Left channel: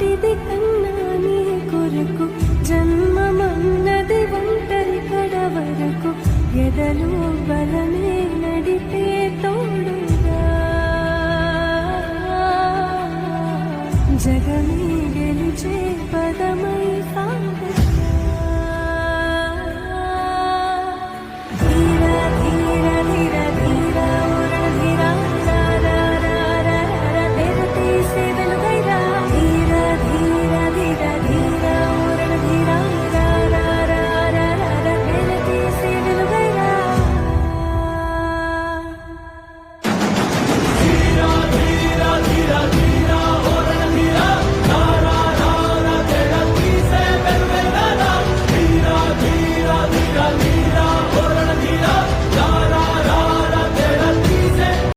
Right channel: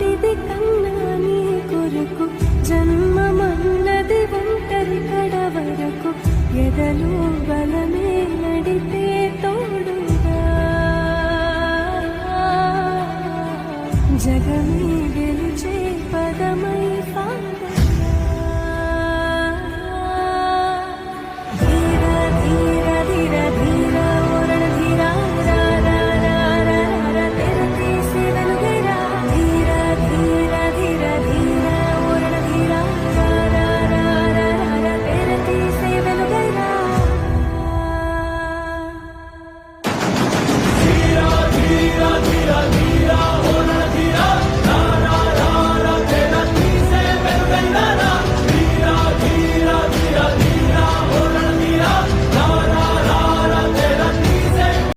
పుట్టిది కన్నా నీ కొరకు జన్మమన్నది ఒంటరి కడ వరకు ఎదలు బలమే నడిపే తోడుగా జగమే గెలిచే పదమై సాగగా ధీర ధీర ధీర ధీర ధీర ధీర ధీర ధీర